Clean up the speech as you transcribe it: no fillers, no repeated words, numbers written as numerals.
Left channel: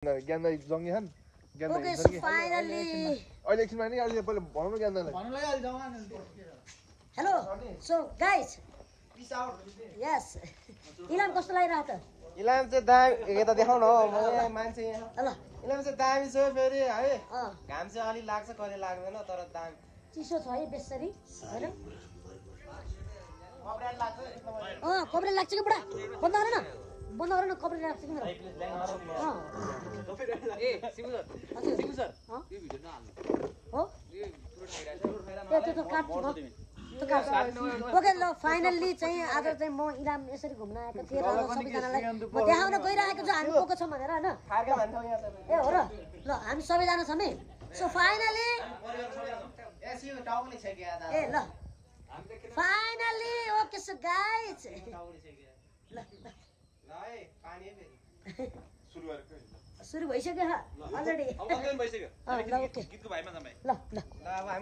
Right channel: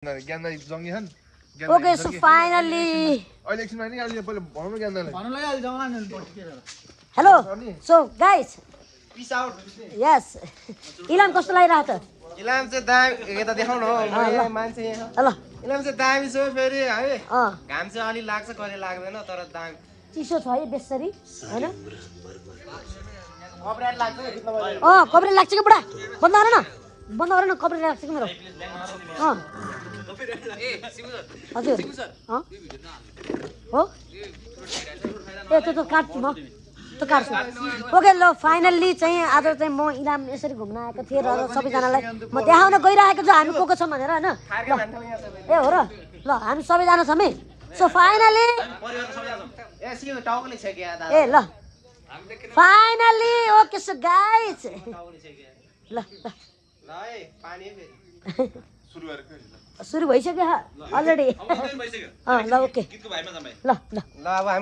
ज्ञानदाई जङ्गी छन् Okay, so finally. अहिले एकछिनमा नि अहिले पहिले भन्नु ज्ञानदाईलाई भन्नुलाई अलि जमाना Hello. So guys, peace out yes. Ilam कस्तो लागिरहेको त? इलाम चाहिँ दामी यता देखाउन हो म मान्छे यहाँ ल इलाम चाहिँ दामी छ फेरि है अँ घाम चाहिँ अलि लाग्छ कहिले लाग्दैन तर दामी चिसो छ है बेसरी हैन कपरेट लाग्छ कपडा लाग्छ कि बुढा बन्द गर न कपडा लाग्छ कि मेरो हजुर हो ए त्यो काट्छु म त्यो काट्छु ओके ल फाइनल्ली चाहिँ आज चाहिँ म इलाम यसरी घुम्न आएको थिएँ र सबैजनालाई म देखाउन गइरहेको छु हामी को छौँ भनेर होइन ए हो र ल हामी सबैजना छौँ है सो फाइनली ए ल फाइनली ओके सो गाइस ल सुरु भइसक्यो अलरेडी ल ओके ल ल ल अब हामी